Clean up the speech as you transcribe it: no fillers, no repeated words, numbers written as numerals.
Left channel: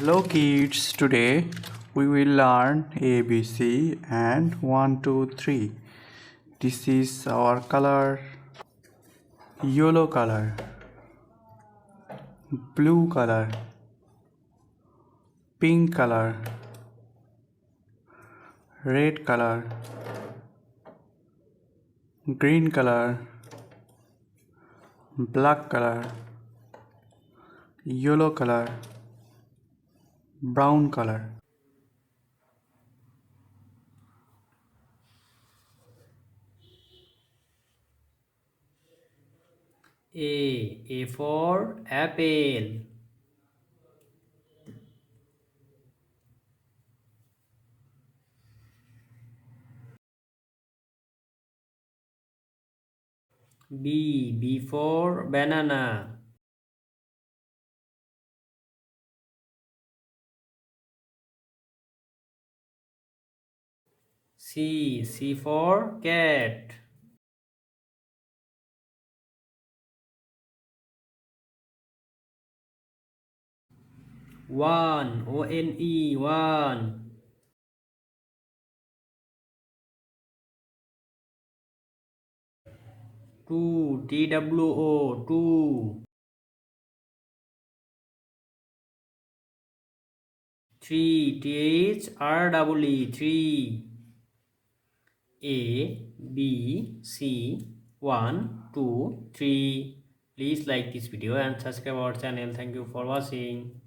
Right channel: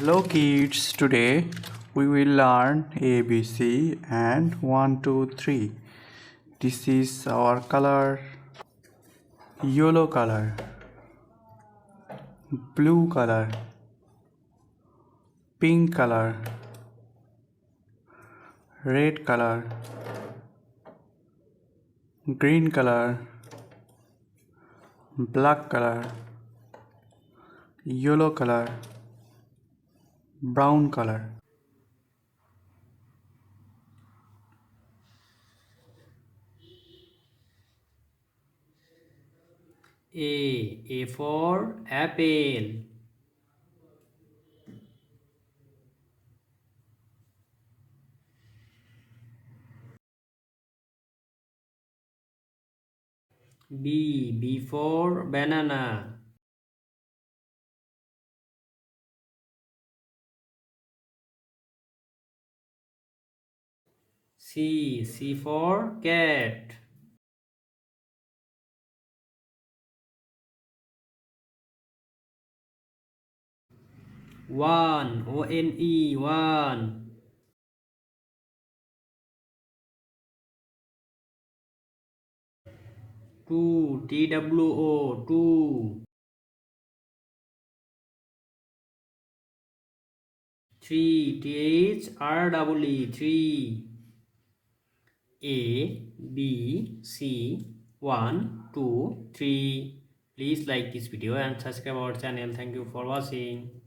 Hello kids, today we will learn ABC and 1, 2, 3. This is our color: yellow color, blue color, pink color, red color, green color, black color, yellow color, brown color. A for apple. B for banana. C for cat. One. Two. Three. A, B, C, 1, 2, 3. Please like this video and subscribe our channel. Thank you for watching.